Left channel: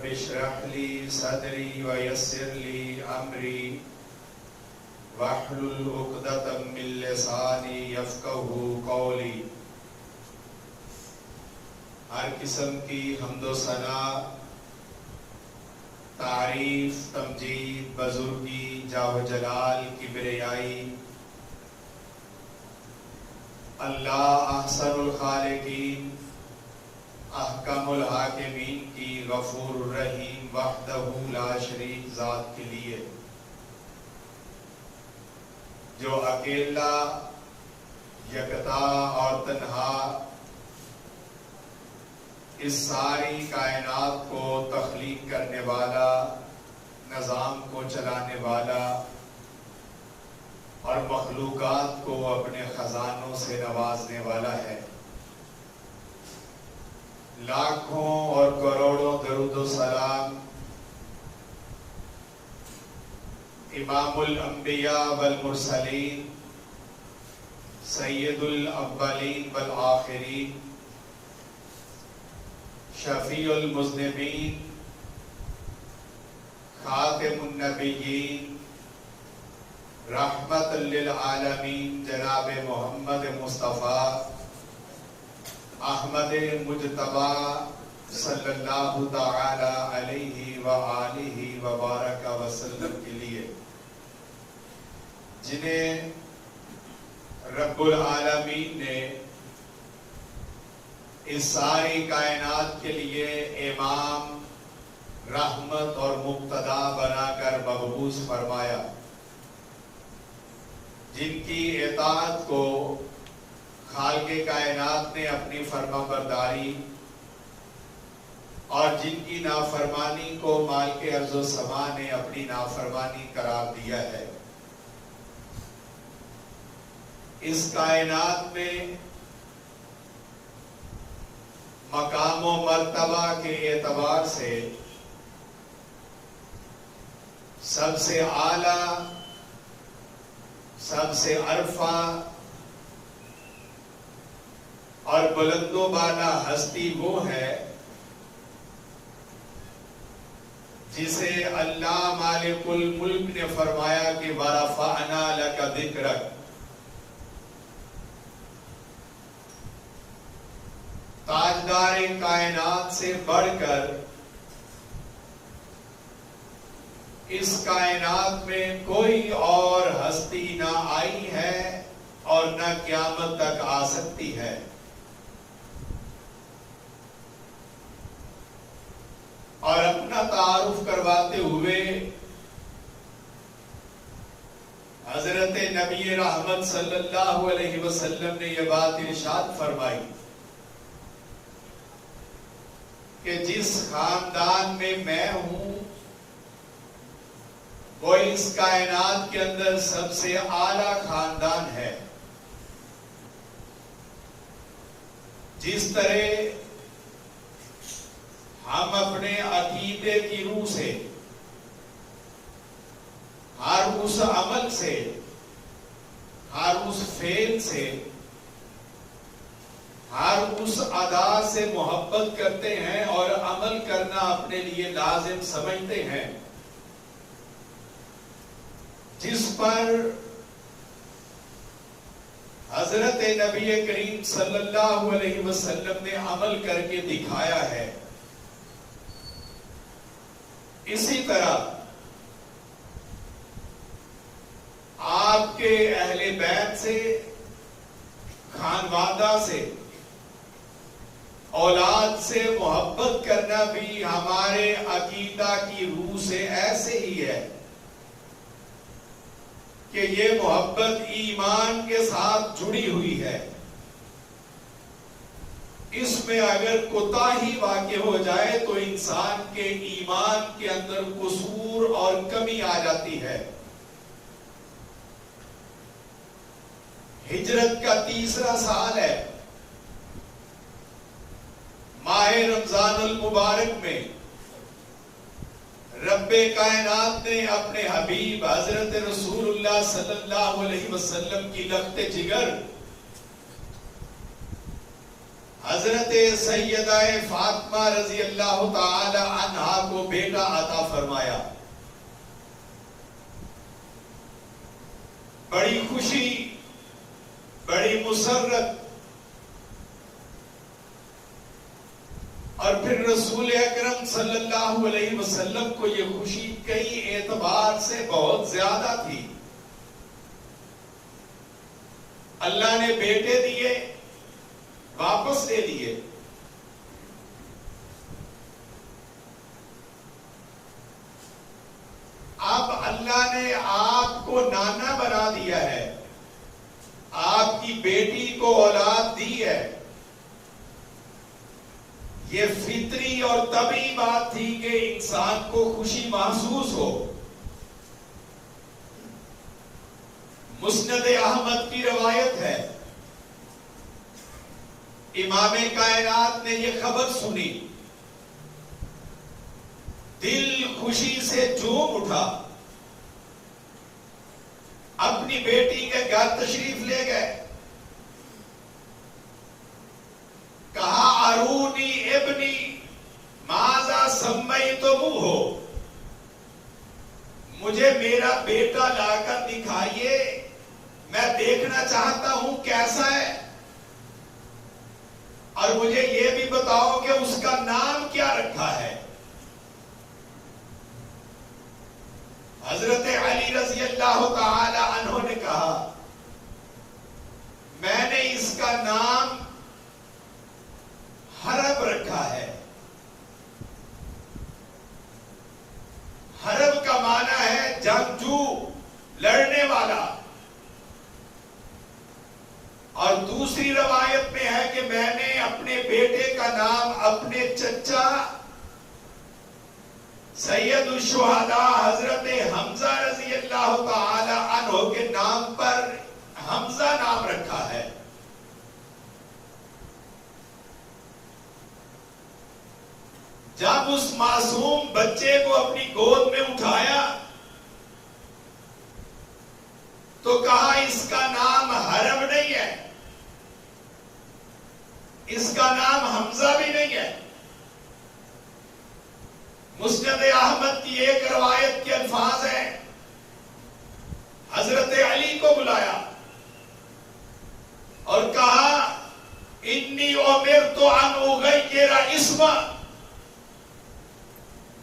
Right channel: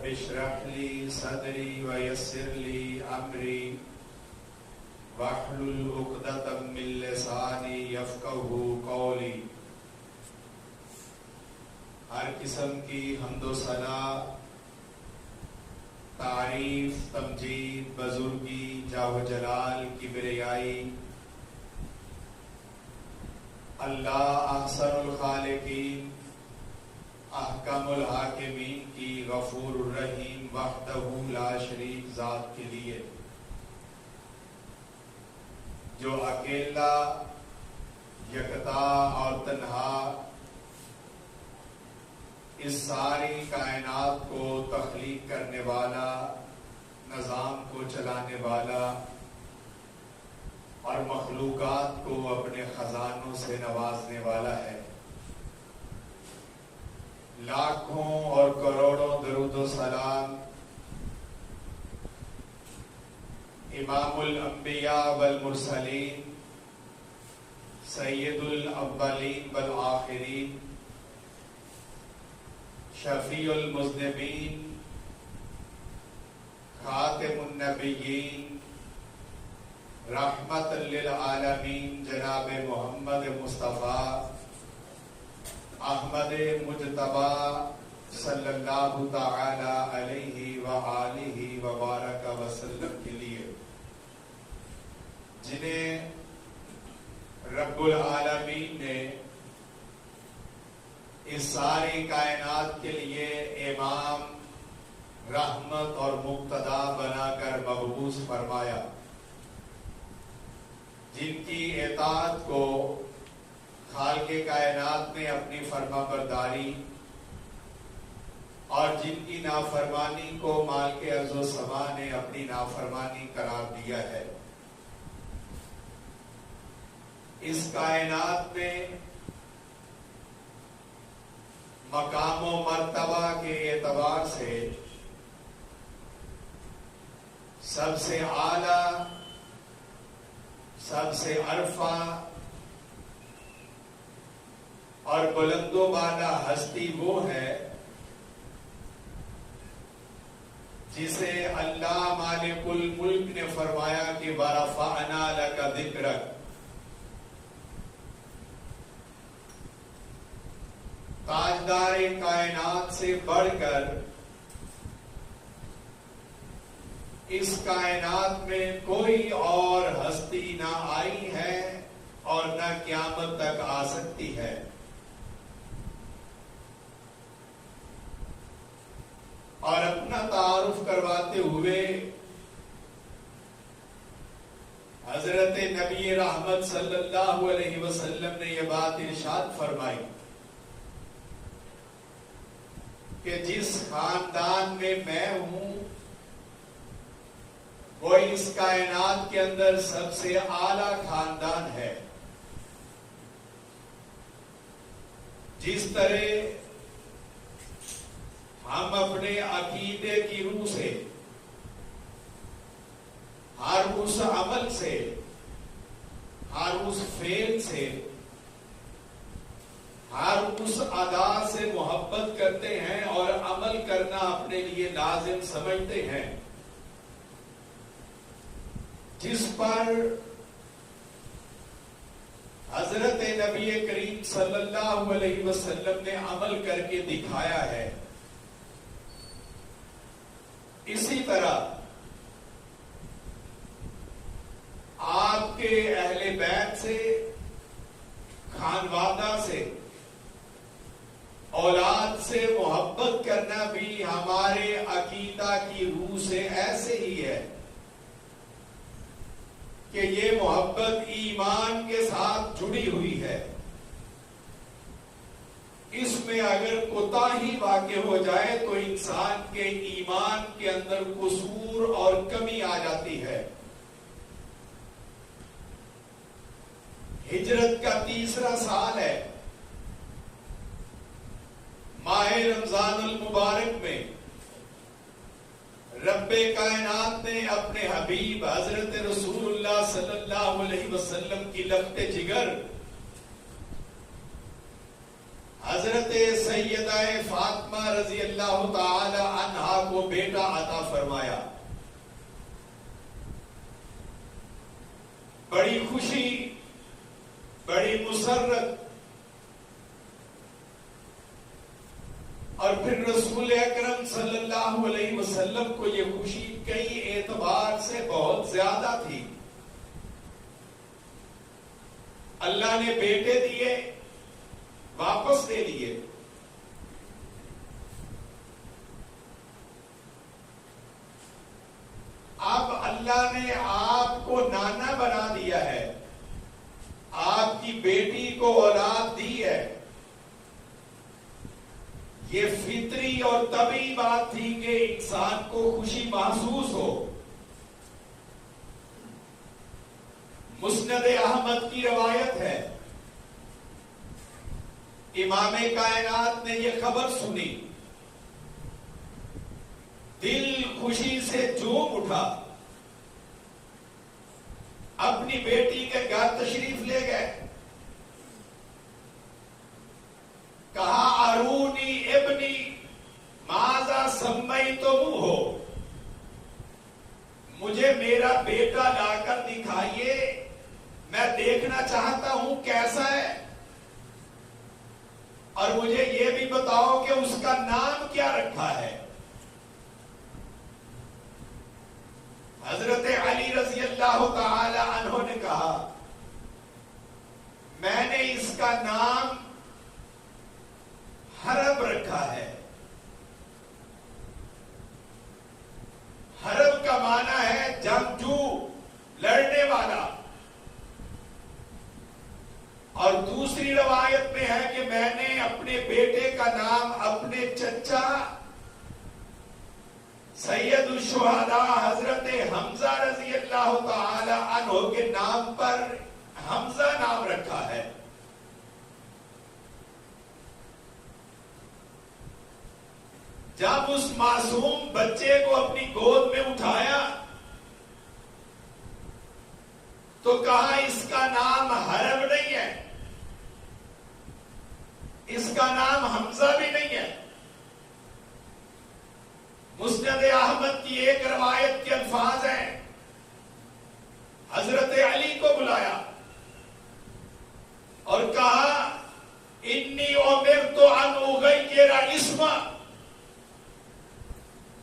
رب اشرح لي صدري ويسر لي امري واحلل عقدة من لساني يفقهوا قولي۔ ہر قسم کی حمد و ثنا، تعریف، تمجید، بزرگی، جاہ و جلال، کبریائی اللہ احسن الخالقین، احکم الحاکمین کی غفور الرحیم وحدہ لا شریک ذات کے لیے، جو اکیلا، یکتا اور تنہا اس ساری کائنات کو تخلیق کرنے والا، نظام کو چلانے والا اور مخلوقات کو اپنے خزانوں سے نوازنے والا ہے۔ لاکھوں اور کروڑوں درود و سلام امام الانبیاء والمرسلین، سید الاولین والآخرین، شفیع المذنبین، خاتم النبیین، رحمت للعالمین جناب محمد مصطفیٰ احمد مجتبی صلی اللہ تعالی علیہ وآلہ وبارک وسلم کے لیے، جنہیں رب العالمین نے اس ساری کائنات کے لیے امام، رحمت اور مقتدا بنا کر مبعوث فرمایا، جن کی اطاعت کو خالق کائنات نے اپنی فرما برداری اور جن کی نافرمانی کو مالک ارض و سما نے اپنی نافرمانی قرار دیا ہے۔ اس کائنات میں مقام و مرتبہ کے اعتبار سے سب سے اعلیٰ، سب سے عرفہ اور بلند و بالا ہستی وہ ہے جسے اللہ مالک الملک نے فرمایا کہ وَرَفَعْنَا لَكَ ذِكْرَكَ، تاجدار کائنات سے بڑھ کر اس کائنات میں کوئی اور ہستی نہ آئی ہے اور نہ قیامت تک آ سکتی ہے۔ اور اپنا تعارف کرواتے ہوئے حضرت نبی رحمت صلی اللہ علیہ وسلم نے یہ بات ارشاد فرمائی کہ جس خاندان میں میں ہوں وہ اس کائنات کے اندر سب سے اعلیٰ خاندان ہے۔ جس طرح ہم اپنے عقیدے کی روح سے، ہر اس عمل سے، ہر اس فعل سے، ہر اس ادا سے محبت کرتے ہیں اور عمل کرنا اپنے لیے لازم سمجھتے ہیں، جس پر حضرت نبی کریم صلی اللہ علیہ وسلم نے عمل کر کے دکھایا ہے، اسی طرح آپ کے اہل بیت سے، خانوادہ سے، اولاد سے محبت کرنا بھی ہمارے عقیدہ کی روح سے ایسے ہی ہے کہ یہ محبت ایمان کے ساتھ جڑی ہوئی ہے۔ اس میں اگر کوتاہی واقع ہو جائے تو انسان کے ایمان کے اندر قصور اور کمی آ جاتی ہے۔ ہجرت کا تیسرا سال ہے۔ ماہ رمضان المبارک میں رب کائنات نے اپنے حبیب حضرت رسول اللہ صلی اللہ علیہ وسلم کی لخت جگر حضرت سیدہ فاطمہ رضی اللہ تعالی عنہا کو بیٹا عطا فرمایا. بڑی خوشی، بڑی مسرت. اور پھر رسول اکرم صلی اللہ علیہ وسلم کو یہ خوشی کئی اعتبار سے بہت زیادہ تھی. اللہ نے بیٹے دیے، واپس دے دیے. اب اللہ نے آپ کو نانا بنا دیا ہے، آپ کی بیٹی کو اولاد دی ہے. یہ فطری اور طبیعی بات تھی کہ انسان کو خوشی محسوس ہو. مسند احمد کی روایت ہے، امام کائنات نے یہ خبر سنی، دل خوشی سے جھوم اٹھا، اپنی بیٹی کے گھر تشریف لے گئے. کہا ارونی ابنی ماذا سمیتموہ، مجھے میرا بیٹا لا کر دکھائیے، میں دیکھنا چاہتا ہوں کیسا ہے، اور مجھے یہ بھی بتاؤ کہ اس کا نام کیا رکھا ہے. حضرت علی رضی اللہ تعالی عنہ نے کہا میں نے اس کا نام حرب رکھا ہے. حرب کا معنی ہے جنگجو، لڑنے والا. اور دوسری روایت میں ہے کہ میں نے اپنے بیٹے کا نام اپنے چچا سید الشہداء حضرت حمزہ رضی اللہ تعالی عنہ کے نام پر حمزہ نام رکھا ہے. جب اس معصوم بچے کو اپنی گود میں اٹھایا تو کہا اس کا نام حرب نہیں ہے، اس کا نام حمزہ بھی نہیں ہے. مسند احمد کی ایک روایت کے الفاظ ہیں، حضرت علی کو بلایا اور کہا انی امرت ان اغیر اسم،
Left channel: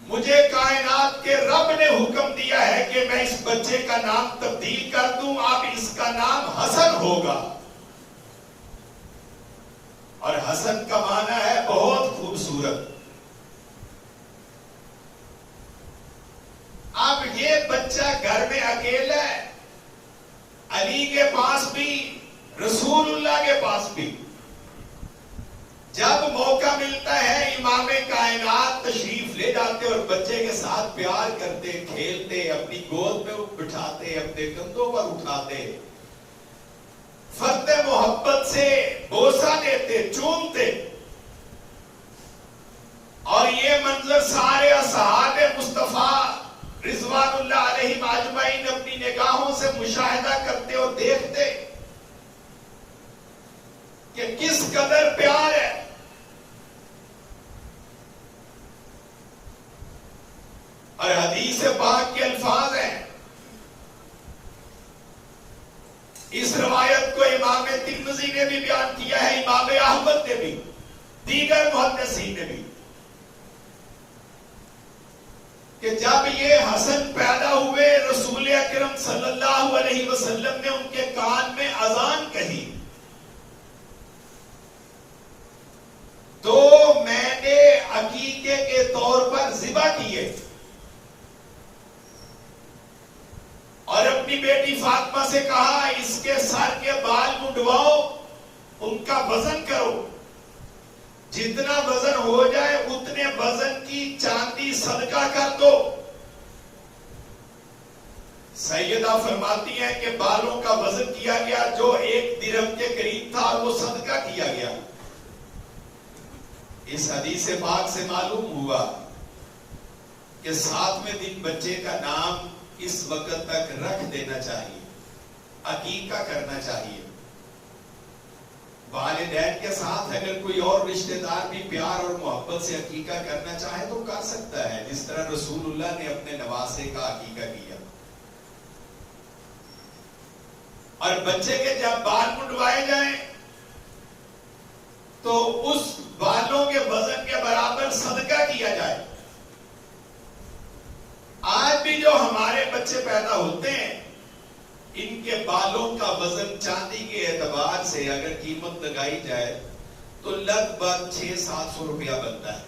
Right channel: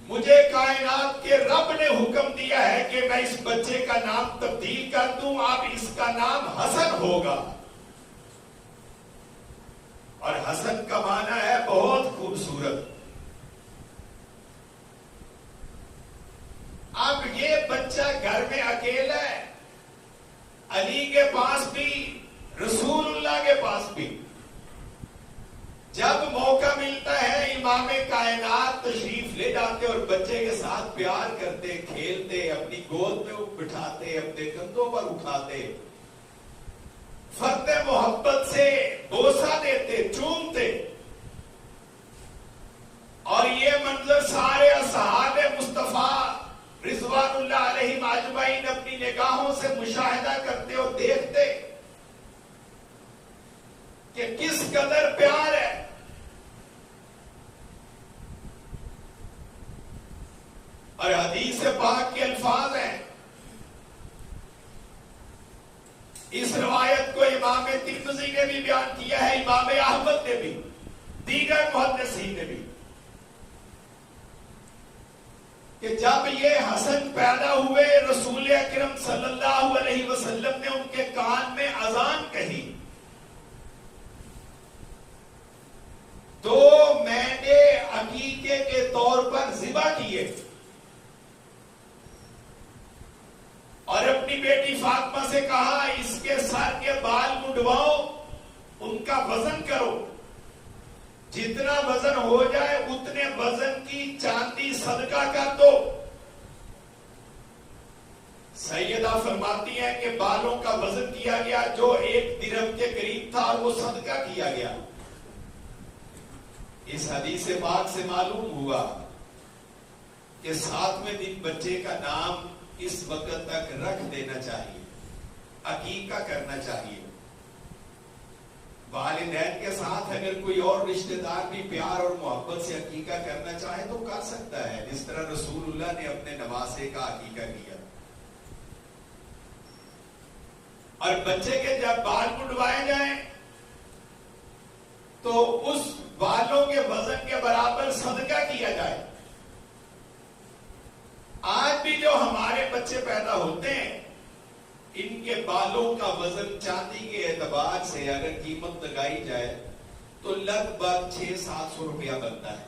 مجھے کائنات کے رب نے حکم دیا ہے کہ میں اس بچے کا نام تبدیل کر دوں، اب اس کا نام حسن ہوگا. اور حسن کا معنی ہے بہت خوبصورت. اب یہ بچہ گھر میں اکیلا ہے، علی کے پاس بھی، رسول اللہ کے پاس بھی. جب موقع ملتا ہے امام کائنات تشریف لے جاتے اور بچے کے ساتھ پیار کرتے، کھیلتے، اپنی گود میں بٹھاتے، اپنے کندھوں پر اٹھاتے، فرد محبت سے بوسہ دیتے، چومتے. اور یہ منظر سارے اصحاب مصطفیٰ رضوان اللہ علیہم اجمعین اپنی نگاہوں سے مشاہدہ کرتے اور دیکھتے کہ کس قدر پیار ہے. اور حدیث پاک کے الفاظ ہیں، اس روایت کو امام ترمذی نے بھی بیان کیا ہے، امام احمد نے بھی، دیگر محدثین نے بھی، کہ جب یہ حسن پیدا ہوئے رسول اکرم صلی اللہ علیہ وسلم نے ان کے کان میں اذان کہی تو میں نے عقیقے کے طور پر ذبح کیے اور اپنی بیٹی فاطمہ سے کہا اس کے سر کے بال منڈواؤ، ان کا وزن کرو، جتنا وزن ہو جائے اتنے وزن کی چاندی صدقہ کر دو. سیدہ فرماتی ہیں کہ بالوں کا وزن کیا گیا جو 1 درہم کے قریب تھا اور وہ صدقہ کیا گیا. اس حدیث پاک سے معلوم ہوا کہ 7ویں دن بچے کا نام اس وقت تک رکھ دینا چاہیے، عقیقہ کرنا چاہیے. والدین کے ساتھ اگر کوئی اور رشتہ دار بھی پیار اور محبت سے عقیقہ کرنا چاہے تو کر سکتا ہے، جس طرح رسول اللہ نے اپنے نواسے کا عقیقہ کیا. اور بچے کے جب بال منڈوائے جائیں تو اس بالوں کے وزن کے برابر صدقہ کیا جائے. آج بھی جو ہمارے بچے پیدا ہوتے ہیں ان کے بالوں کا وزن چاندی کے اعتبار سے اگر قیمت لگائی جائے تو لگ بھگ 600-700 روپیہ بنتا ہے.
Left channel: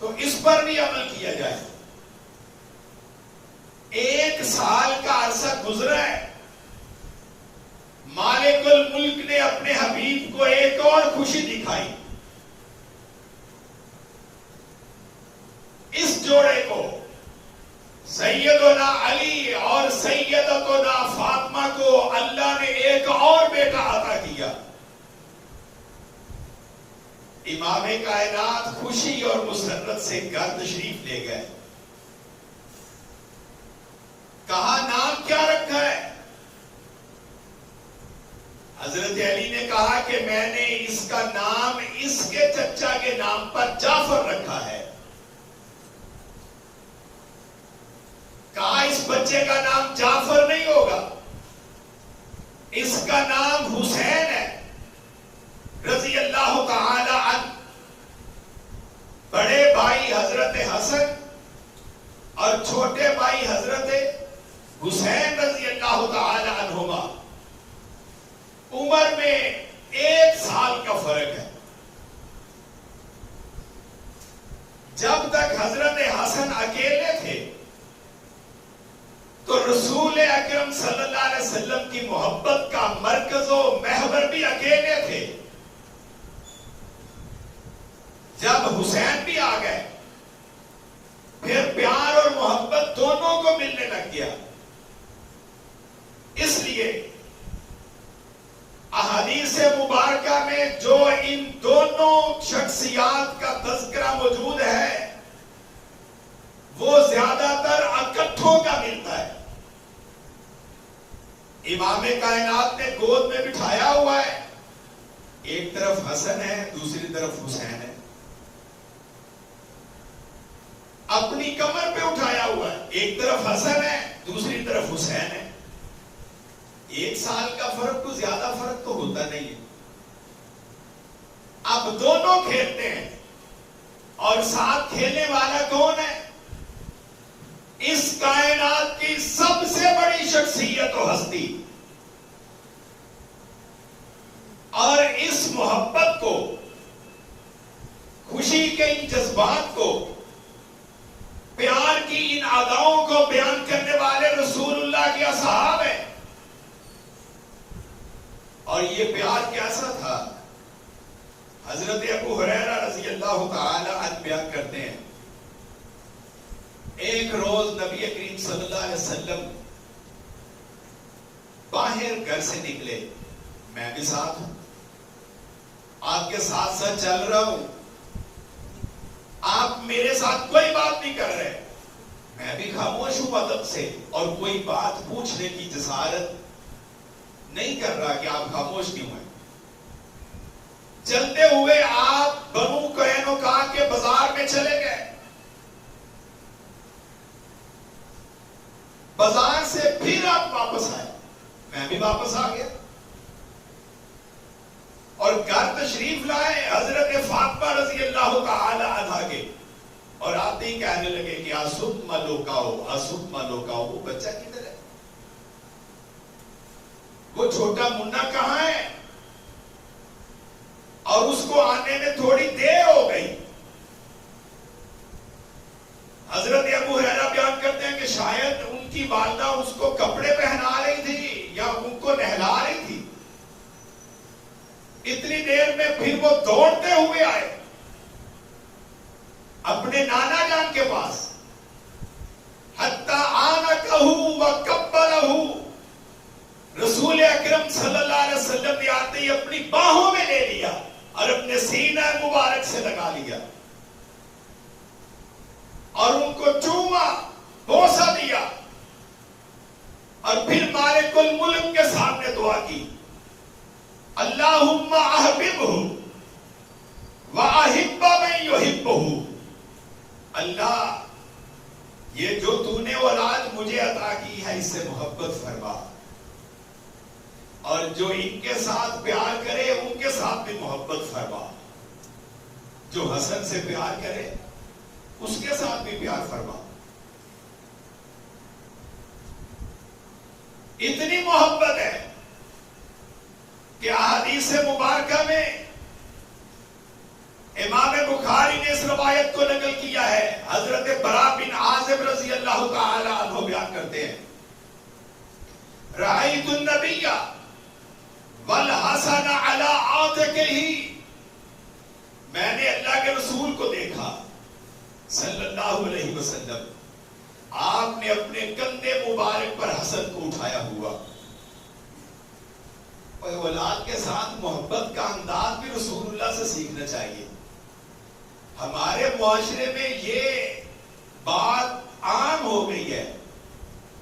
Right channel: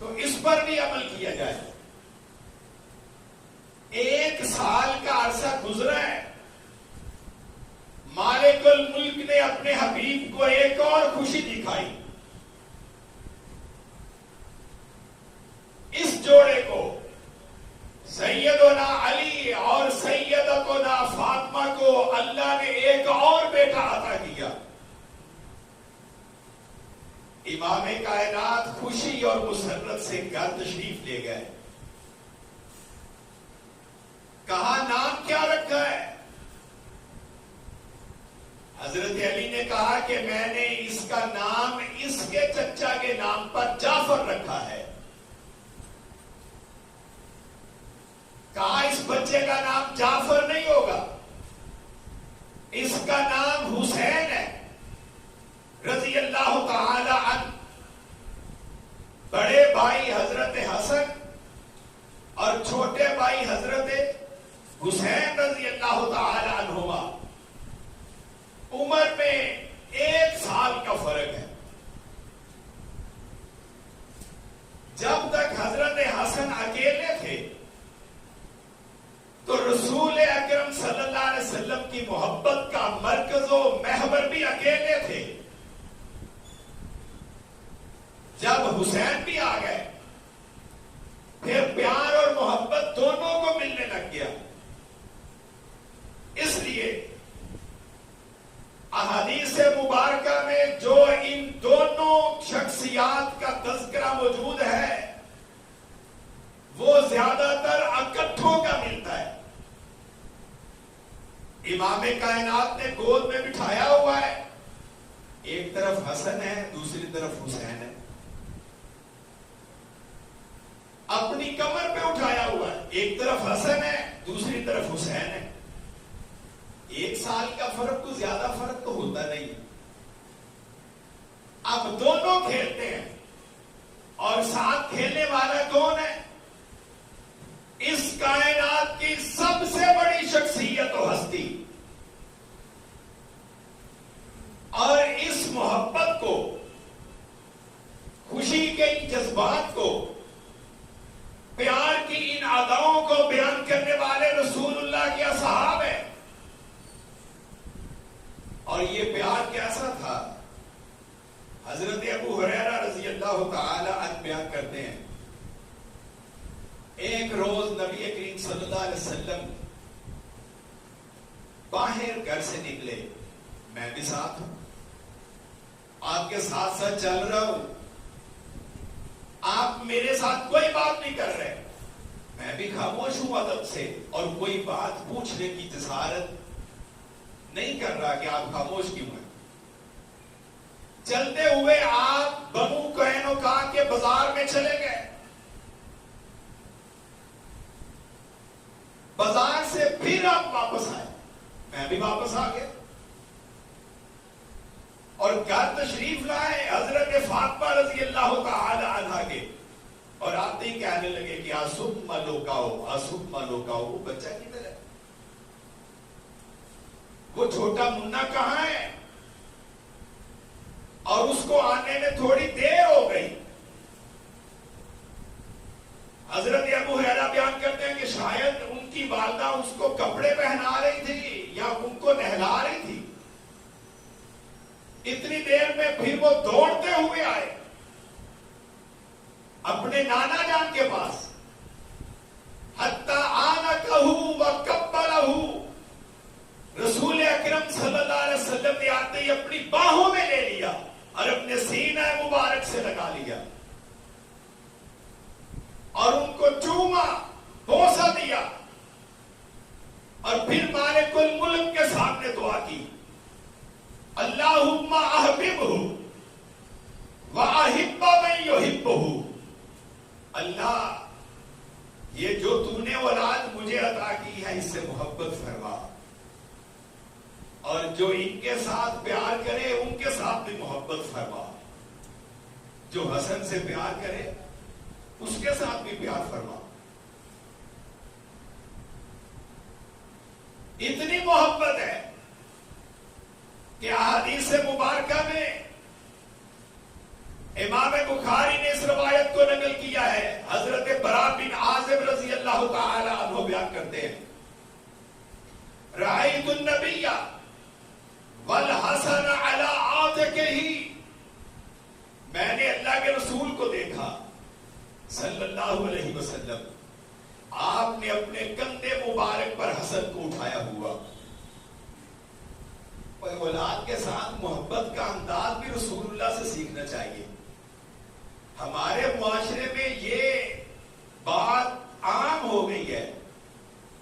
تو اس پر بھی عمل کیا جائے. 1 سال کا عرصہ گزرا ہے، مالک الملک نے اپنے حبیب کو ایک اور خوشی دکھائی. اس جوڑے کو سیدنا علی اور سیدتنا فاطمہ کو اللہ نے ایک اور بیٹا عطا کیا. امام کائنات خوشی اور مسرت سے گھر تشریف لے گئے. کہا نام کیا رکھا ہے؟ حضرت علی نے کہا کہ میں نے اس کا نام اس کے چچا کے نام پر جعفر رکھا ہے. کہا اس بچے کا نام جعفر نہیں ہوگا، اس کا نام حسین ہے رضی اللہ تعالی عنہ. بڑے بھائی حضرت حسن اور چھوٹے بھائی حضرت حسین رضی اللہ تعالی عنہما، عمر میں 1 سال کا فرق ہے. جب تک حضرت حسن اکیلے تھے تو رسول اکرم صلی اللہ علیہ وسلم کی محبت کا مرکز و محور بھی اکیلے تھے. جب حسین بھی آ گئے پھر پیار اور محبت دونوں کو ملنے لگ گیا. اس لیے احادیث مبارکہ میں جو ان دونوں شخصیات کا تذکرہ موجود ہے وہ زیادہ تر اکٹھوں کا ملتا ہے. امام کائنات نے گود میں بٹھایا ہوا ہے، ایک طرف حسن ہے دوسری طرف حسین ہے. اپنی کمر پہ اٹھایا ہوا ہے، ایک طرف حسن ہے دوسری طرف حسین ہے. 1 سال کا فرق تو زیادہ فرق تو ہوتا نہیں ہے. اب دونوں کھیلتے ہیں اور ساتھ کھیلنے والا کون ہے؟ اس کائنات کی سب سے بڑی شخصیت و ہستی. اور اس محبت کو، خوشی کے ان جذبات کو، پیار کی ان اداؤں کو بیان کرنے والے رسول اللہ کے اصحاب ہیں. اور یہ پیار کیسا تھا؟ حضرت ابو ہریرہ رضی اللہ تعالی عنہ بیان کرتے ہیں، ایک روز نبی کریم صلی اللہ علیہ وسلم باہر گھر سے نکلے، میں بھی ساتھ ہوں، آپ کے ساتھ ساتھ چل رہا ہوں. آپ میرے ساتھ کوئی بات نہیں کر رہے، میں بھی خاموش ہوں ادب سے، اور کوئی بات پوچھنے کی جسارت نہیں کر رہا کہ آپ خاموش کیوں ہیں. چلتے ہوئے آپ بنو قینقاع کے بازار میں چلے گئے. بازار سے پھر آپ واپس آئے، میں بھی واپس آ گیا اور گھر تشریف لائے حضرت فاطمہ رضی اللہ تعالی عنہا کے، اور آتے ہی کہنے لگے کہ آسد ملوکاؤ، آسد ملوکاؤ. وہ بچہ کدھر ہے؟ وہ چھوٹا منا کہاں ہے؟ اور اس کو آنے میں تھوڑی دیر ہو گئی. حضرت ابو ہریرہ بیان کرتے ہیں کہ شاید ان کی والدہ اس کو کپڑے پہنا رہی تھی یا ان کو نہلا رہی تھی. اتنی دیر میں پھر وہ دوڑتے ہوئے آئے اپنے نانا جان کے پاس. حتی آنکہ وقبلہ، رسول اکرم صلی اللہ علیہ وسلم نے آتے ہی اپنی باہوں میں لے لیا اور اپنے سینہ مبارک سے لگا لیا اور ان کو چوما، بوسہ دیا. اور پھر مالک الملک کے سامنے دعا کی، اللہم احببہ واحب من یحبہ، اللہ یہ جو تو نے اولاد مجھے عطا کی ہے اس سے محبت فرما، اور جو ان کے ساتھ پیار کرے ان کے ساتھ بھی محبت فرما، جو حسن سے پیار کرے اس کے ساتھ بھی پیار فرما۔ اتنی محبت ہے کہ احادیث مبارکہ میں امام بخاری نے اس روایت کو نقل کیا ہے، حضرت براء بن عازب رضی اللہ تعالی عنہ بیان کرتے ہیں، رأیت النبی والحسن علی عاتقہ، میں نے اللہ کے رسول کو دیکھا صلی اللہ علیہ وسلم، آپ نے اپنے کندھے مبارک پر حسن کو اٹھایا ہوا۔ اور اولاد کے ساتھ محبت کا انداز بھی رسول اللہ سے سیکھنا چاہیے۔ ہمارے معاشرے میں یہ بات عام ہو گئی ہے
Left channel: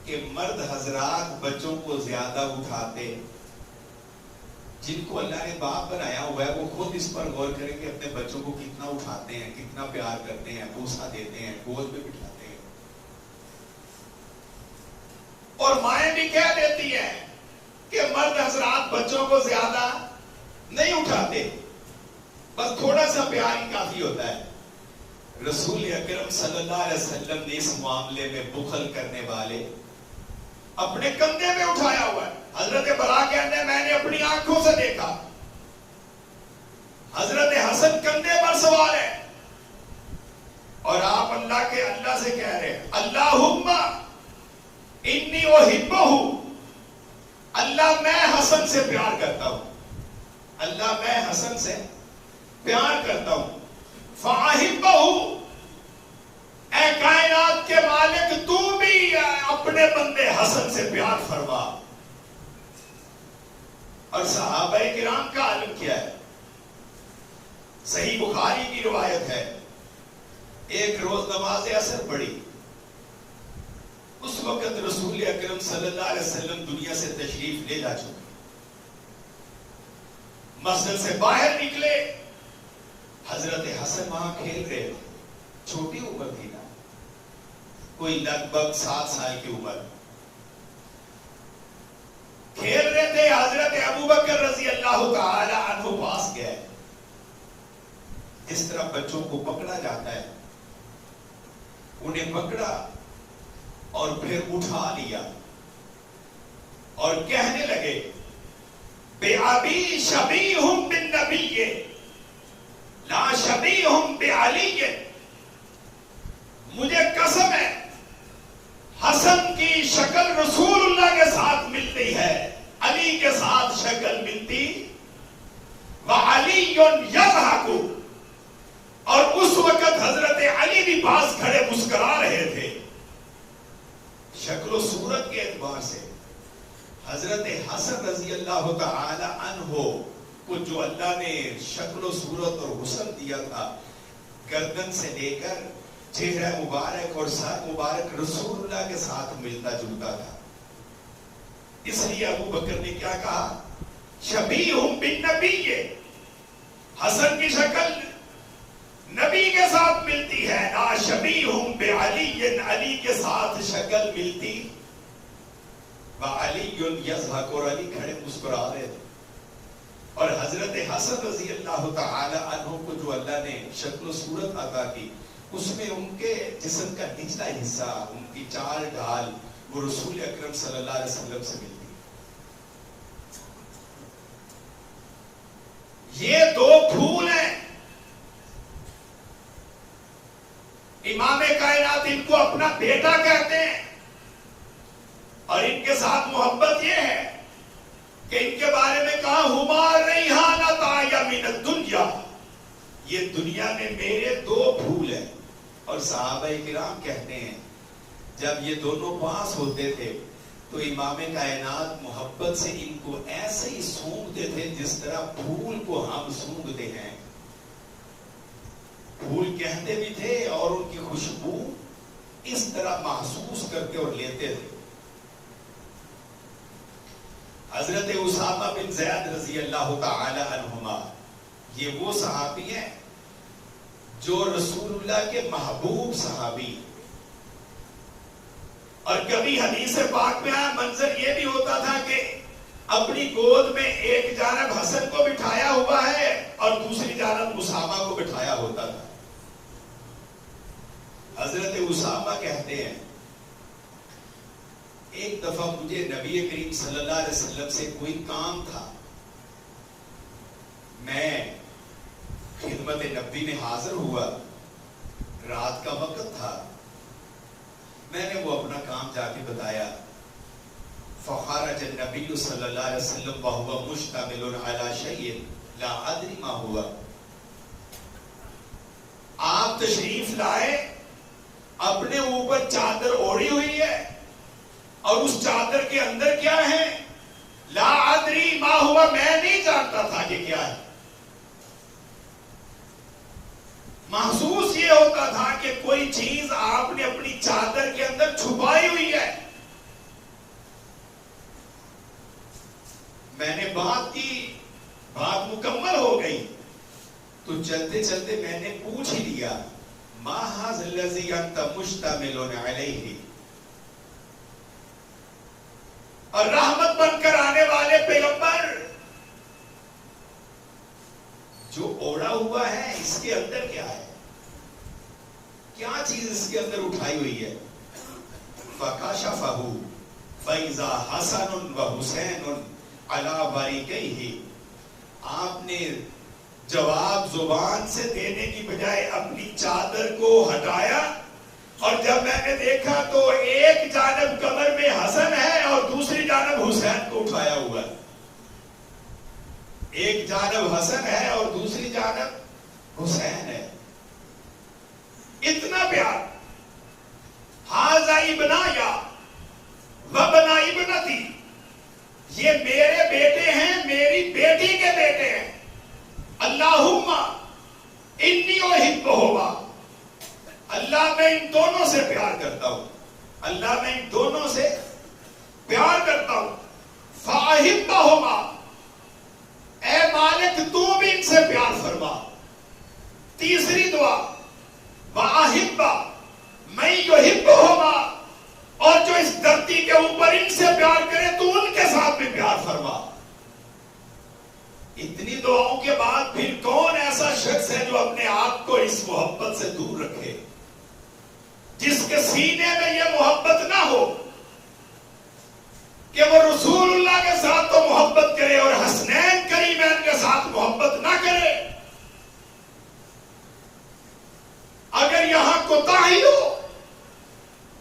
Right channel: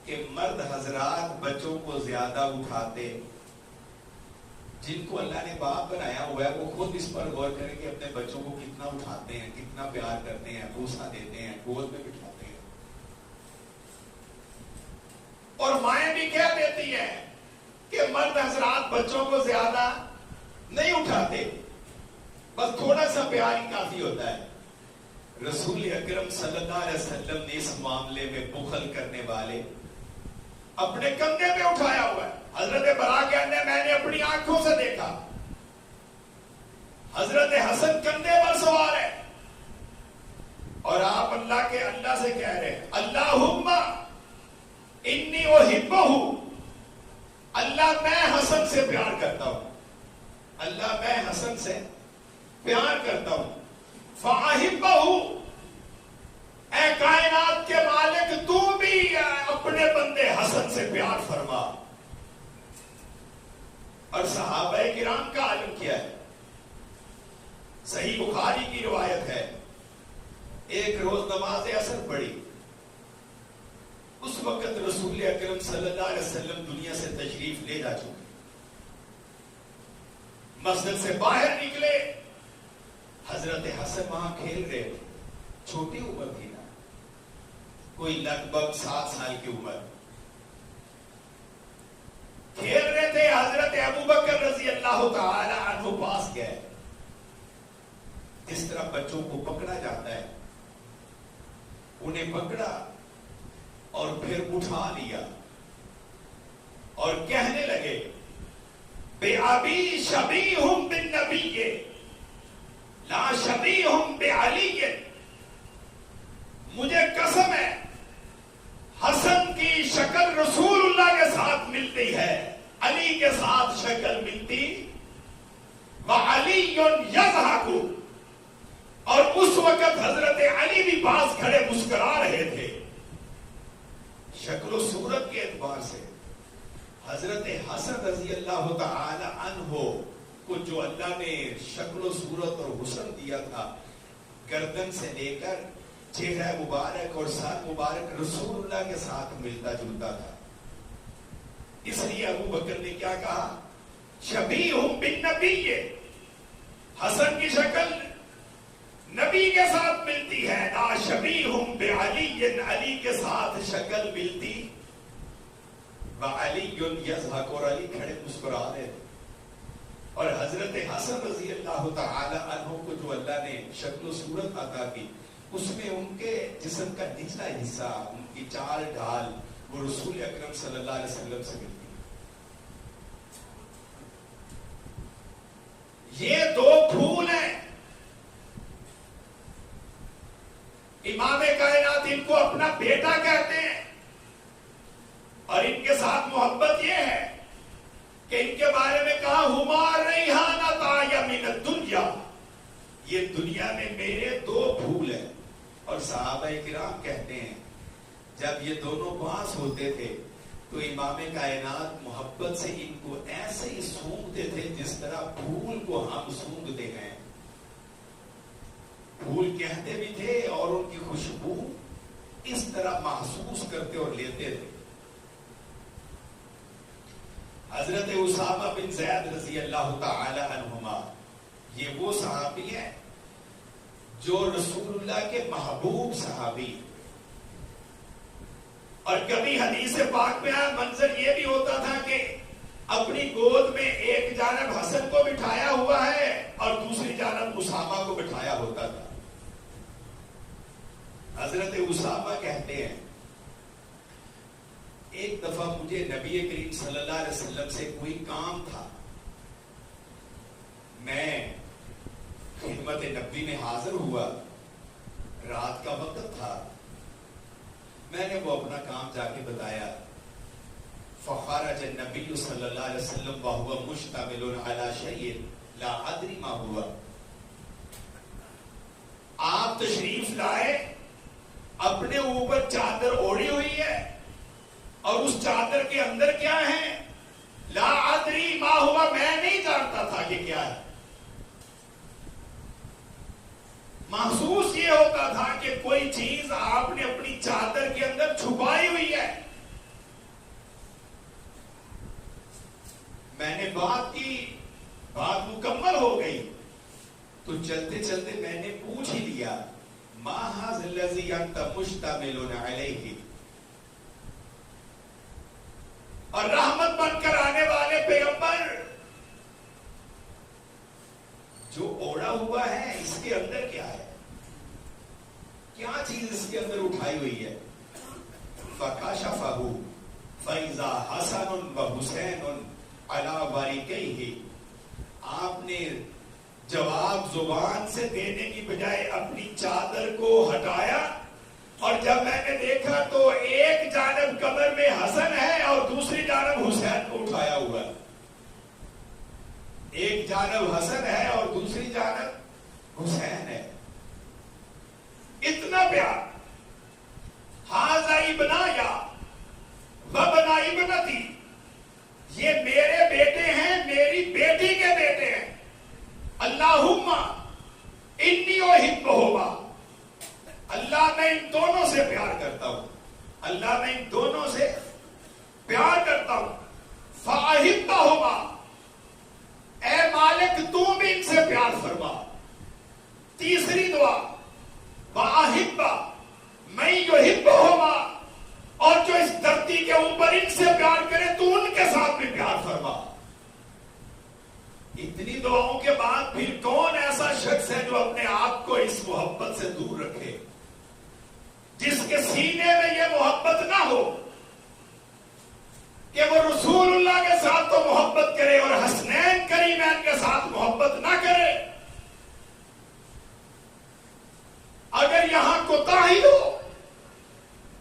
کہ مرد حضرات بچوں کو زیادہ اٹھاتے، جن کو اللہ نے باپ بنایا ہوا ہے وہ خود اس پر غور کریں کہ اپنے بچوں کو کتنا اٹھاتے ہیں، کتنا پیار کرتے ہیں، بوسہ دیتے ہیں، گود میں بٹھاتے ہیں۔ اور مائیں بھی کہہ دیتی ہیں کہ مرد حضرات بچوں کو زیادہ نہیں اٹھاتے، بس تھوڑا سا پیار ہی کافی ہوتا ہے۔ رسول اکرم صلی اللہ علیہ وسلم نے اس معاملے میں بخل کرنے والے اپنے کندھے پہ اٹھایا ہوا ہے۔ حضرت براء کہتے ہیں میں نے اپنی آنکھوں سے دیکھا، حضرت حسن کندھے پر سوار ہے اور آپ اللہ سے کہہ رہے ہیں اللہم انی احبہ، اللہ میں حسن سے پیار کرتا ہوں، اللہ میں حسن سے پیار کرتا ہوں، فاحبہ، اے کائنات کے مالک تو بھی اپنے بندے حسن سے پیار فرما۔ اور صحابہ کرام کا عالم کیا ہے؟ صحیح بخاری کی روایت ہے، ایک روز نماز عصر پڑھی، اس وقت رسول اکرم صلی اللہ علیہ وسلم دنیا سے تشریف لے جا چکے، مسجد سے باہر نکلے، حضرت حسن وہاں کھیل رہے تھے، چھوٹی عمر تھی نا، کوئی لگ بھگ 7 سال کی عمر، کھیل رہے تھے۔ حضرت ابوبکر رضی اللہ تعالی عنہ پاس گئے، اس طرح بچوں کو پکڑا جاتا ہے، انہیں پکڑا اور پھر اٹھا لیا اور کہنے لگے بِأَبِي شَبِيهٌ بِالنَّبِيِّ لا شبیہم بعلی، مجھے قسم ہے حسن کی شکل رسول اللہ کے ساتھ ملتی ہے، علی کے ساتھ شکل ملتی، وعلی یضحک، اور اس وقت حضرت علی بھی پاس کھڑے مسکرا رہے تھے۔ شکل و صورت کے اعتبار سے حضرت حسن رضی اللہ تعالی عنہ کو جو اللہ نے شکل و صورت اور حسن دیا تھا، گردن سے لے کر چہرہ مبارک اور سر مبارک رسول اللہ کے ساتھ ملتا جلتا تھا۔ اس لیے ابو بکر نے کیا کہا، شبیہم بالنبی، حسن کی شکل نبی کے ساتھ ملتی ہے، لا شبیہم بعلی، علی کے ساتھ شکل ملتی، وعلی یضحک، اور علی کھڑے مسکرا رہے تھے۔ اور حضرت حسن رضی اللہ تعالی عنہ کو جو اللہ نے شکل و صورت عطا کی، اس میں ان کے جسم کا نچلا حصہ، ان کی چال ڈھال وہ رسول اکرم صلی اللہ علیہ وسلم سے ملتی۔ یہ 2 پھول ہیں، امام کائنات ان کو اپنا بیٹا کہتے ہیں، اور ان کے ساتھ محبت یہ ہے کہ ان کے بارے میں کہا ہما ریحانتا من الدنیا، یہ دنیا میں میرے 2 پھول ہیں۔ اور صحابہ کرام کہتے ہیں جب یہ دونوں پاس ہوتے تھے تو امام کائنات محبت سے ان کو ایسے ہی سونگتے تھے جس طرح پھول کو ہم سونگتے ہیں، پھول کہتے بھی تھے اور ان کی خوشبو اس طرح محسوس کرتے اور لیتے تھے۔ زید رضی اللہ تعالی عنہما یہ وہ صحابی ہیں جو رسول اللہ کے محبوب صحابی، اور کبھی حدیث پاک میں منظر یہ بھی ہوتا تھا کہ اپنی گود میں ایک جانب حسن کو بٹھایا ہوا ہے اور دوسری جانب اسامہ کو بٹھایا ہوتا تھا۔ حضرت اسامہ کہتے ہیں ایک دفعہ مجھے نبی کریم صلی اللہ علیہ وسلم سے کوئی کام تھا، میں خدمت نبی میں حاضر ہوا، رات کا وقت تھا، میں نے وہ اپنا کام جا کے بتایا، فخرج النبی صلی اللہ علیہ وسلم وهو مشتمل على شيء لا ادري ما هو، آپ تشریف لائے، اپنے اوپر چادر اوڑھی ہوئی ہے اور اس چادر کے اندر کیا ہے؟ لا ادری ما ہوا، میں نہیں جانتا تھا کہ کیا ہے۔ محسوس یہ ہوتا تھا کہ کوئی چیز آپ نے اپنی چادر کے اندر چھپائی ہوئی ہے۔ میں نے بات کی، بات مکمل ہو گئی تو چلتے چلتے میں نے پوچھ ہی لیا، ما ھذا الذی انت مشتمل علیہ، اور رحمت بن کر آنے والے پیغمبر، جو اوڑا ہوا ہے اس کے اندر کیا ہے؟ کیا چیز اس کے اندر اٹھائی ہوئی ہے؟ فکشفہ فاذا حسن وحسین علی ورقیہ، آپ نے جواب زبان سے دینے کی بجائے اپنی چادر کو ہٹایا، اور جب میں نے دیکھا تو ایک جانب کمر میں حسن ہے اور دوسری جانب حسین کو اٹھایا ہوا ہے۔ ایک جانب حسن ہے اور دوسری جانب حسین ہے۔ اتنا پیار، ھذا ابنایا وابن ابنتی، یہ میرے بیٹے ہیں، میری بیٹی کے بیٹے ہیں۔ اللہم انی احبہما، اللہ میں ان دونوں سے پیار کرتا ہوں، اللہ میں ان دونوں سے پیار کرتا ہوں۔ فاحبہما، اے مالک تو بھی ان سے پیار فرما۔ تیسری دعا، واحبہ من یحبہما، اور جو اس دھرتی کے اوپر ان سے پیار کرے تو ان کے ساتھ بھی پیار فرما۔ اتنی دعاؤں کے بعد پھر کون ایسا شخص ہے جو اپنے آپ کو اس محبت سے دور رکھے، جس کے سینے میں یہ محبت نہ ہو کہ وہ رسول اللہ کے ساتھ تو محبت کرے اور حسنین کریمین کے ساتھ محبت نہ کرے۔ اگر یہاں کوتاہی ہو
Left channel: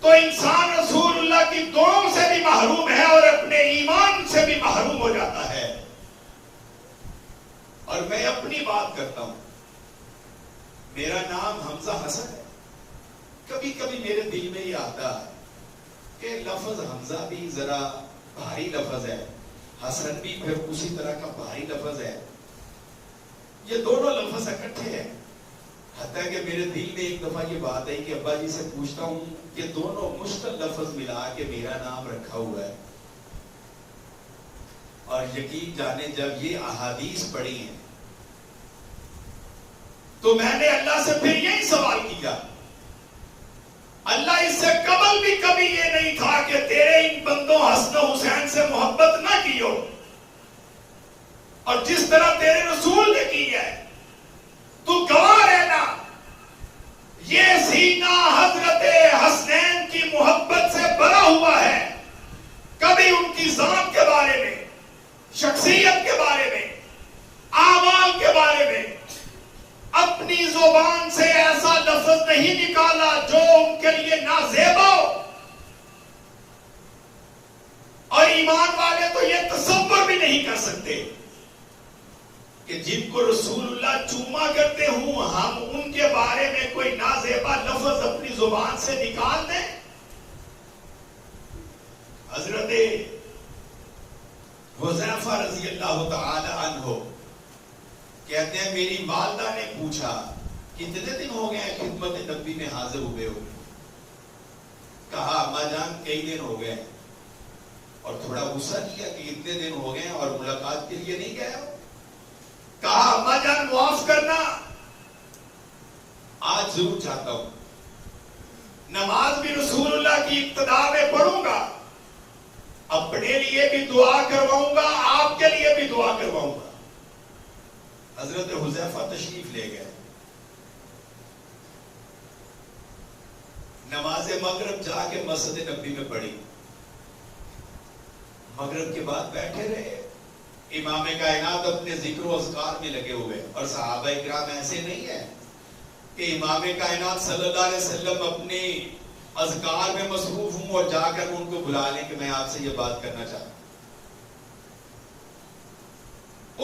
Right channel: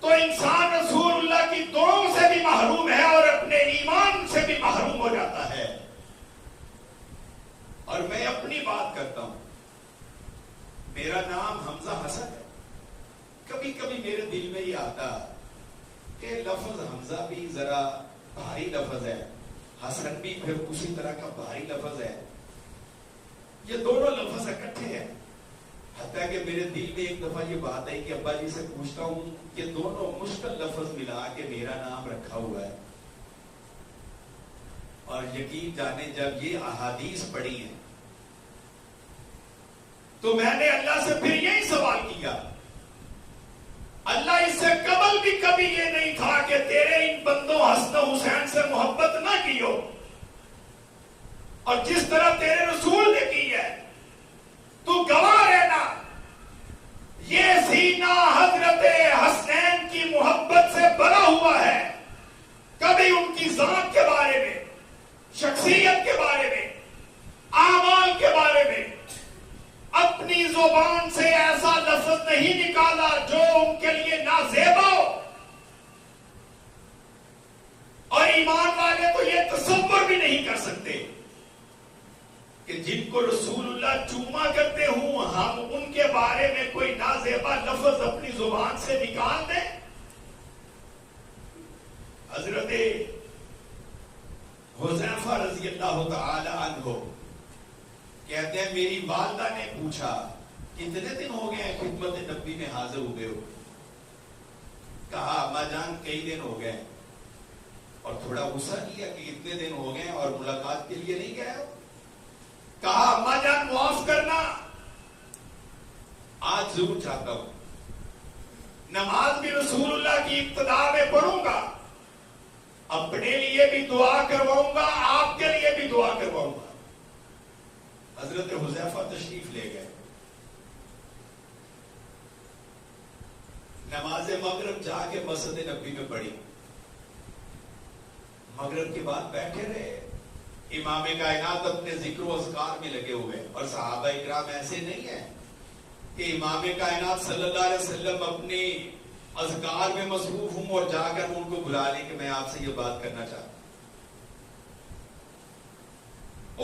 تو انسان رسول اللہ کی دعاؤں سے بھی محروم ہے اور اپنے ایمان سے بھی محروم ہو جاتا ہے۔ اور میں اپنی بات کرتا ہوں، میرا نام حمزہ حسن ہے، کبھی کبھی میرے دل میں یہ آتا ہے کہ لفظ حمزہ بھی ذرا بھاری لفظ ہے، حسن بھی پھر اسی طرح کا بھاری لفظ ہے، یہ دونوں لفظ اکٹھے ہیں۔ حتیٰ کہ میرے دل میں ایک دفعہ یہ بات ہے کہ ابا جی سے پوچھتا ہوں کہ دونوں مشکل لفظ ملا کے میرا نام رکھا ہوا ہے، اور یقین جانے جب یہ احادیث پڑھی ہیں تو میں نے اللہ سے پھر یہی سوال کیا، اللہ اس سے قبل بھی کبھی یہ نہیں تھا کہ تیرے ان بندوں حسن و حسین سے محبت نہ کی ہو، اور جس طرح تیرے رسول نے کی ہے تو گواہ رہنا، یہ سینہ حضرت حسنین کی محبت سے بھرا ہوا ہے، کبھی ان کی ذات کے بارے میں، شخصیت کے بارے میں، اعمال کے بارے میں اپنی زبان سے ایسا لفظ نہیں نکالا جو ان کے لیے نازیبا ہو۔ اور ایمان والے تو یہ تصور بھی نہیں کر سکتے کہ جن کو رسول اللہ چوما کرتے ہوں ہم ان کے بارے میں کوئی نازیبا لفظ اپنی زبان سے نکال دیں۔ حضرت حذیفہ رضی اللہ تعالی عنہ کہتے ہیں میری والدہ نے پوچھا کتنے دن ہو گئے ہیں خدمت نبی میں حاضر ہوئے ہو؟ کہا اما جان کئی دن ہو گئے، اور تھوڑا غصہ کیا کہ اتنے دن ہو گئے اور ملاقات کے لیے نہیں گئے ہو. کہا اماں جان معاف کرنا، آج ضرور چاہتا ہوں نماز بھی رسول اللہ کی ابتدا میں پڑھوں گا، اپنے لیے بھی دعا کرواؤں گا، آپ کے لیے بھی دعا کرواؤں گا. حضرت حذیفہ تشریف لے گئے. نماز مغرب جا کے مسجد نبوی میں پڑھی. مغرب کے بعد بیٹھے رہے. امام کائنات اپنے ذکر و اذکار میں لگے ہوئے، اور صحابہ کرام ایسے نہیں ہیں کہ امام کائنات صلی اللہ علیہ وسلم اپنے اذکار میں مصروف ہوں اور جا کر ان کو بلا لیں کہ میں آپ سے یہ بات کرنا چاہتا ہوں.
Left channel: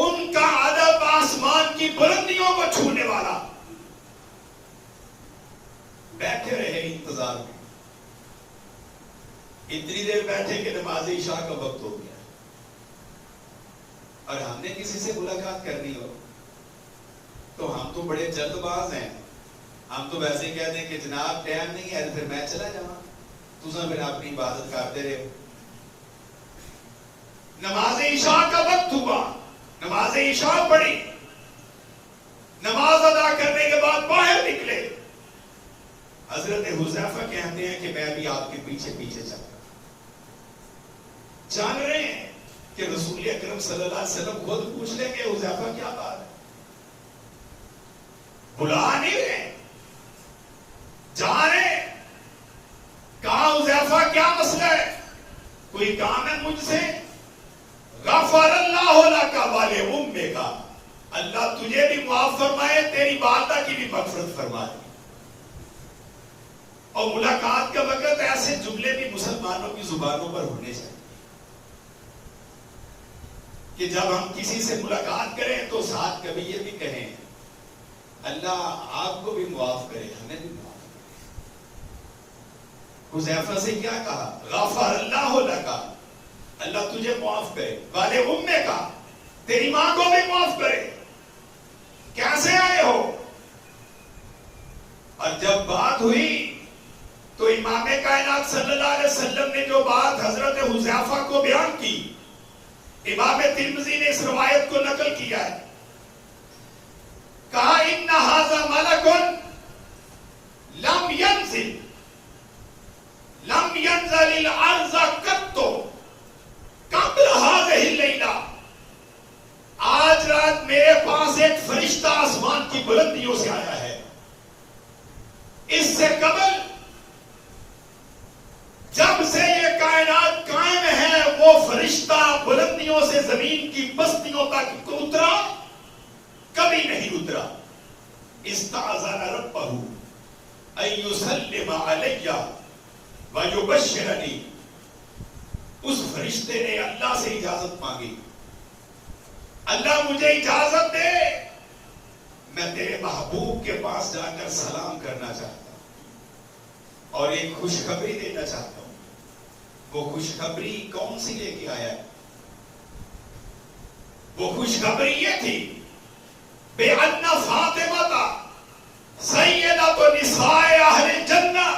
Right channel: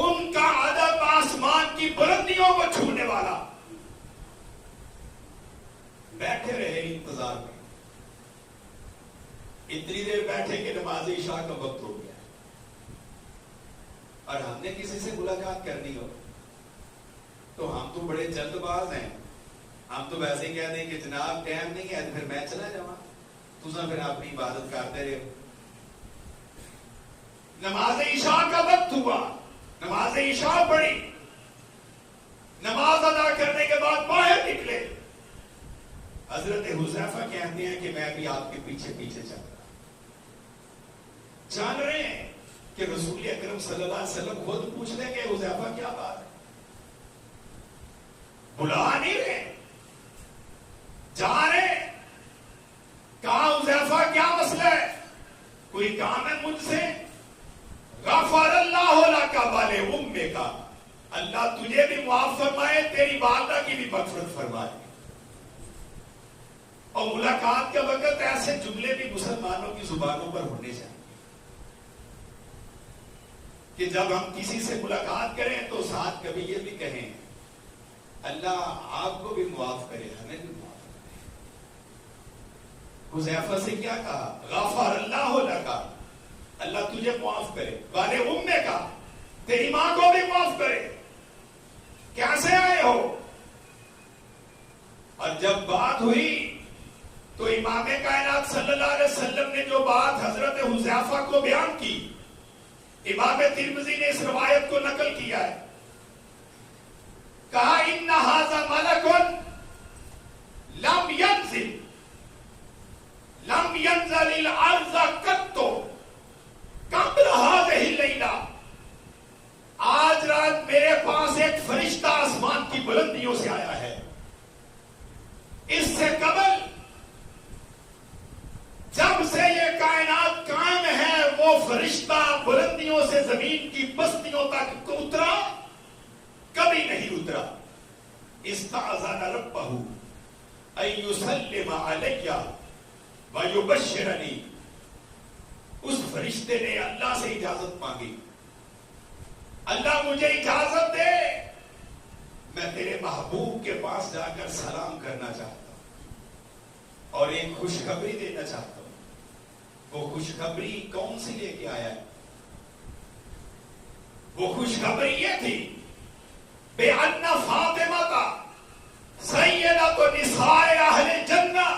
ان کا ادب آسمان کی بلندیوں کو چھونے والا. بیٹھے رہے انتظار میں. اتنی دیر بیٹھے کہ نماز عشاء کا وقت ہو گیا، اور ہم نے کسی سے ملاقات کرنی ہو تو ہم تو بڑے جلد باز ہیں. ہم تو ویسے کہتے ہیں کہ جناب ٹائم نہیں ہے پھر میں چلا جاؤں، تم پھر اپنی عبادت کرتے رہے. نماز عشاء کا وقت ہوا، نماز عشاء پڑھی، نماز ادا کرنے کے بعد باہر نکلے. حضرت حذیفہ کہتے ہیں کہ میں بھی آپ کے پیچھے پیچھے چل رہا. جان رہے ہیں کہ رسول اکرم صلی اللہ علیہ وسلم خود پوچھ لیں کہ حذیفہ کیا بات ہے. بلا نہیں رہے، جانے. کہا حذیفہ کیا مسئلہ ہے، کوئی کام ہے مجھ سے؟ غفر اللہ لک والے امے کا، اللہ تجھے بھی معاف فرمائے، تیری والدہ کی بھی مغفرت فرمائے. اور ملاقات کا وقت ایسے جملے بھی مسلمانوں کی زبانوں پر ہونے چاہیے کہ جب ہم کسی سے ملاقات کریں تو ساتھ کبھی یہ بھی کہیں اللہ آپ کو بھی معاف کرے، ہمیں بھی معاف کرے. حذیفہ سے کیا کہا؟ غفر اللہ لک، اللہ تجھے معاف کرے، والے امے کا، تیری ماں کو بھی معاف کرے. کیسے آئے ہو؟ اور جب بات ہوئی تو امام کائنات صلی اللہ علیہ وسلم نے جو بات حضرت حذیفہ کو بیان کی، امام ترمذی نے اس روایت کو نقل کیا ہے. کہا ان ھذا ملک لم ينزل الارض قط قبل هذه الليلہ. آج رات میرے پاس ایک فرشتہ آسمان کی بلندیوں سے آیا ہے. اس سے قبل جب سے یہ کائنات قائم ہے وہ فرشتہ بلندیوں سے زمین کی بستیوں تک اترا کبھی نہیں اترا. استأذن ربہ ان یسلم علی ویبشرنی. اس فرشتے نے اللہ سے اجازت مانگی، اللہ مجھے اجازت دے میں تیرے محبوب کے پاس جا کر سلام کرنا چاہتا ہوں اور ایک خوشخبری دینا چاہتا ہوں. وہ خوشخبری کون سی لے کے آیا؟ وہ خوشخبری یہ تھی بے ان فاطمہ سیدۃ نساء اہل جنہ،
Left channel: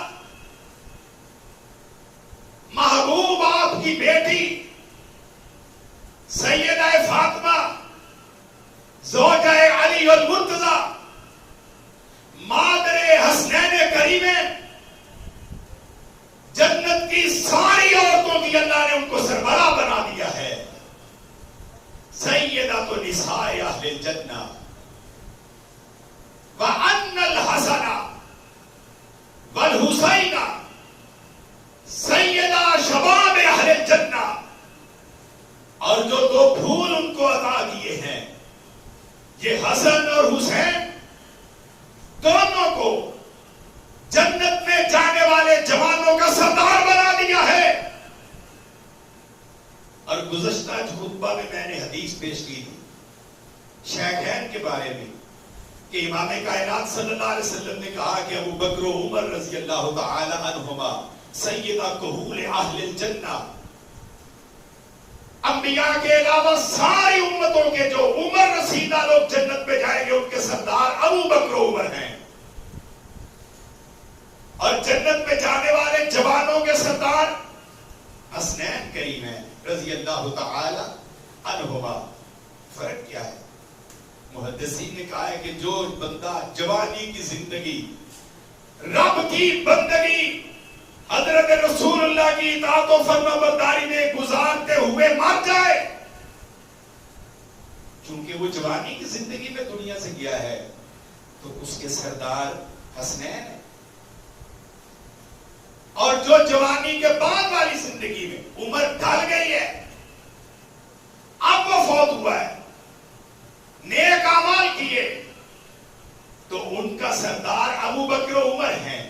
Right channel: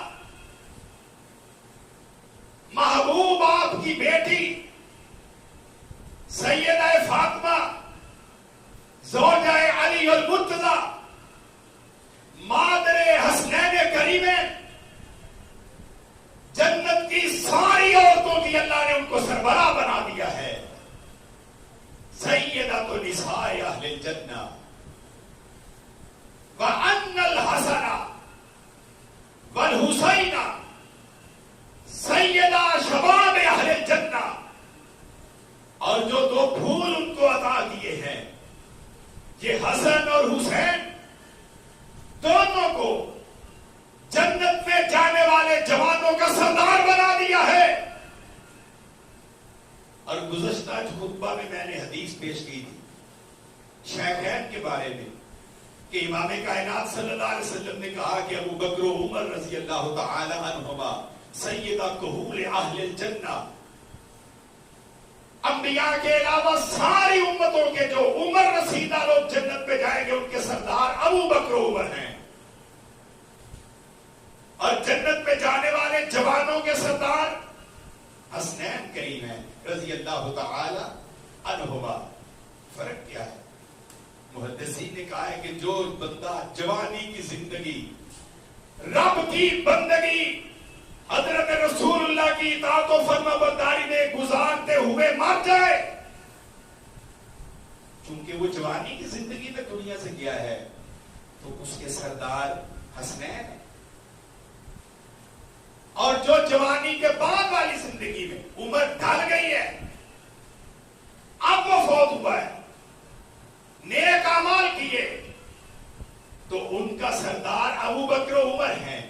محبوب آپ کی بیٹی سیدہ فاطمہ زوجہ علی المرتضی مادر حسنین کریمین، جنت کی ساری عورتوں کی اللہ نے ان کو سربراہ بنا دیا ہے. سیدۃ نساء اہل الجنہ وان الحسن والحسین سیدہ شباب اہل الجنہ. اور جو دو پھول ان کو عطا کیے ہیں، یہ حسن اور حسین دونوں کو جنت میں جانے والے جوانوں کا سردار بنا دیا ہے. اور گزشتہ خطبہ میں نے حدیث پیش کی تھی شیخین کے بارے میں کہ امام کائنات صلی اللہ علیہ وسلم نے کہا کہ ابو بکر و عمر رضی اللہ تعالی عنہما سیدہ کہول اہل الجنہ. انبیاء کے علاوہ ساری امتوں کے جو عمر رسیدہ لوگ جنت میں جائیں گے ان کے سردار ابو بکر و عمر ہیں. اور جنت میں جانے والے جوانوں کے سردار حسنین کریم ہیں رضی اللہ تعالی عنہما. فرق کیا ہے؟ محدثین نے کہا ہے کہ جو بندہ جوانی کی زندگی رب کی بندگی حضرت رسول اللہ کی اطاعت و فرما برداری میں گزارتے ہوئے مر جائے، چونکہ وہ جوانی کی زندگی میں دنیا سے گیا ہے، تو اس کے سردار حسنین ہیں. اور جو جوانی کے بعد والی زندگی میں عمر ڈھل گئی ہے، اب وہ فوت ہوا ہے، نیک اعمال کیے، تو ان کا سردار ابو بکر و عمر ہیں.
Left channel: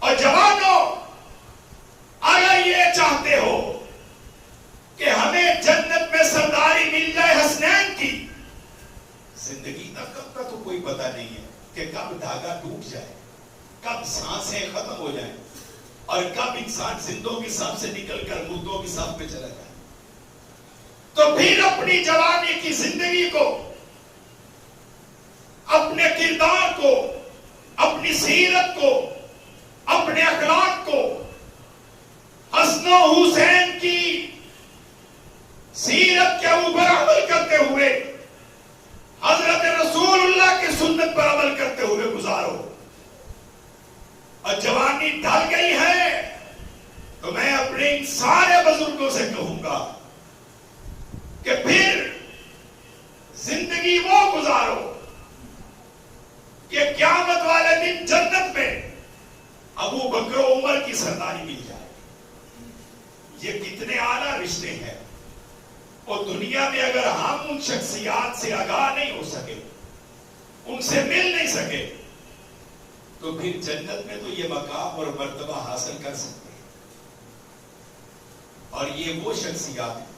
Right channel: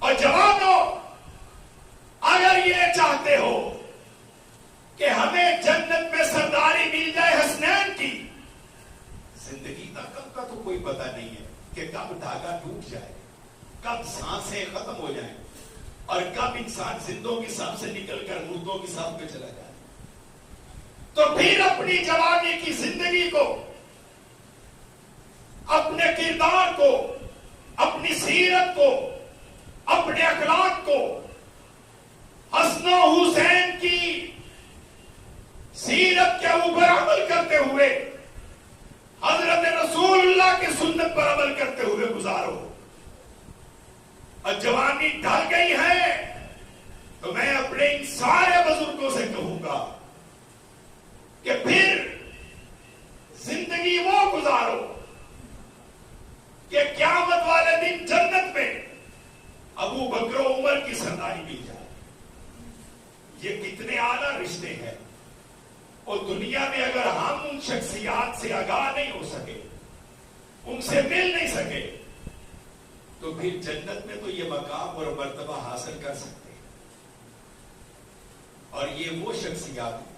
اور جوانوں، اگر یہ چاہتے ہو کہ ہمیں جنت میں سرداری مل جائے حسنین کی، زندگی تک کا تو کوئی پتہ نہیں ہے کہ کب دھاگا ٹوٹ جائے، کب سانسیں ختم ہو جائیں، اور کب انسان زندوں کی صف سے نکل کر مردوں کی صف پہ چلا جائے. تو پھر اپنی جوانی کی زندگی کو، اپنے کردار کو، اپنی سیرت کو، اپنے اخلاق کو حسن و حسین کی سیرت کے اوپر عمل کرتے ہوئے، حضرت رسول اللہ کی سنت پر عمل کرتے ہوئے گزارو. اور جوانی ڈھل گئی ہے تو میں اپنے ان سارے بزرگوں سے کہوں گا کہ پھر زندگی وہ گزارو کہ قیامت والے دن جنت میں ابو بکر و عمر کی سرداری مل جائے. یہ کتنے اعلیٰ رشتے ہیں، اور دنیا میں اگر ہم ان شخصیات سے آگاہ نہیں ہو سکے، ان سے مل نہیں سکے، تو پھر جنت میں تو یہ مقام اور مرتبہ حاصل کر سکتے ہیں. اور یہ وہ شخصیات ہیں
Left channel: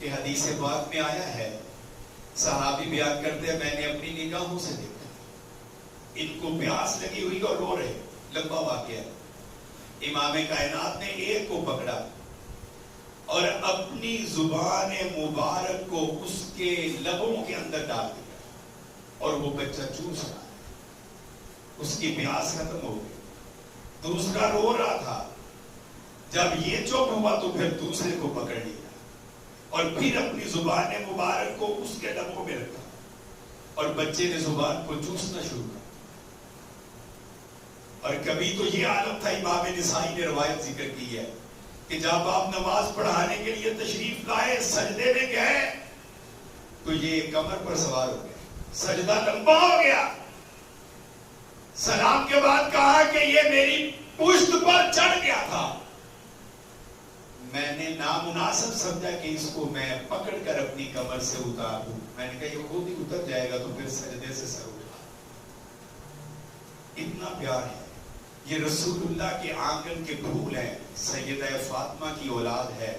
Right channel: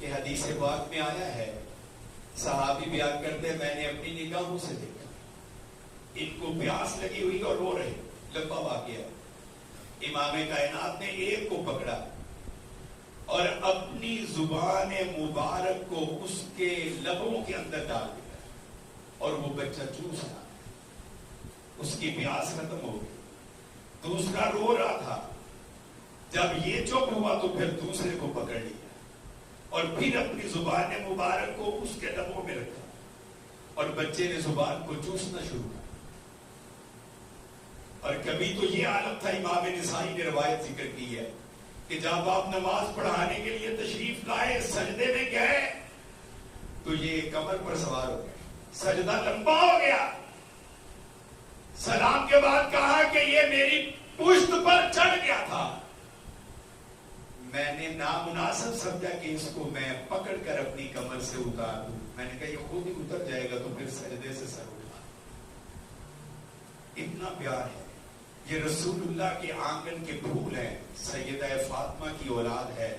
کہ حدیث پاک میں آیا ہے، صحابی بیان کرتے ہیں میں نے اپنی نگاہوں سے دیکھا، ان کو پیاس لگی ہوئی اور رو رہے. لمبا واقعہ. امام کائنات نے ایک کو پکڑا اور اپنی زبان مبارک کو اس کے لبوں کے اندر ڈال دیا، اور وہ بچہ چوس رہا، اس کی پیاس ختم ہو گئی. دوسرا رو رہا تھا، جب یہ چپ ہوا تو پھر دوسرے کو پکڑ لیا اور پھر اپنی زبان مبارک کو اس کے لبوں میں رکھا، اور بچے نے زبان کو چوسنا شروع کیا. اور کبھی تو یہ عالم تھا، امام نسائی نے روایت ذکر کی ہے کہ جب آپ نماز پڑھانے کے لیے تشریف لائے، سجدے میں گئے تو یہ کمر پر سوار ہو گیا، سجدہ لمبا ہو گیا. سلام کے بعد کہا کہ یہ میری پشت پر چڑھ گیا تھا، میں نے نامناسب سمجھا کہ اس کو میں پکڑ کر اپنی کمر سے اتار دوں. میں نے کہا یہ خود ہی اتر جائے گا تو پھر سجدے سے سر اٹھا. اتنا پیار ہے. یہ رسول اللہ کے آنگن کے پھول ہیں، سیدہ فاطمہ کی اولاد ہے.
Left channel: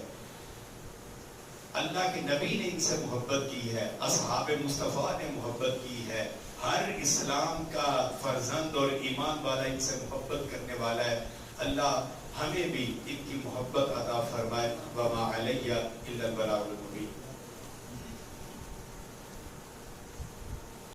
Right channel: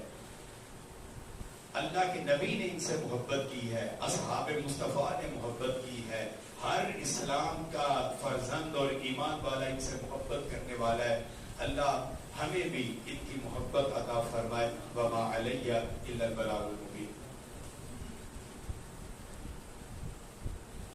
اللہ کے نبی نے ان سے محبت کی ہے، اصحاب مصطفیٰ نے محبت کی ہے، ہر اسلام کا فرزند اور ایمان والا ان سے محبت کرنے والا ہے. اللہ ہمیں بھی ان کی محبت عطا فرمائے. وما علیہ الا البلاغ المبین.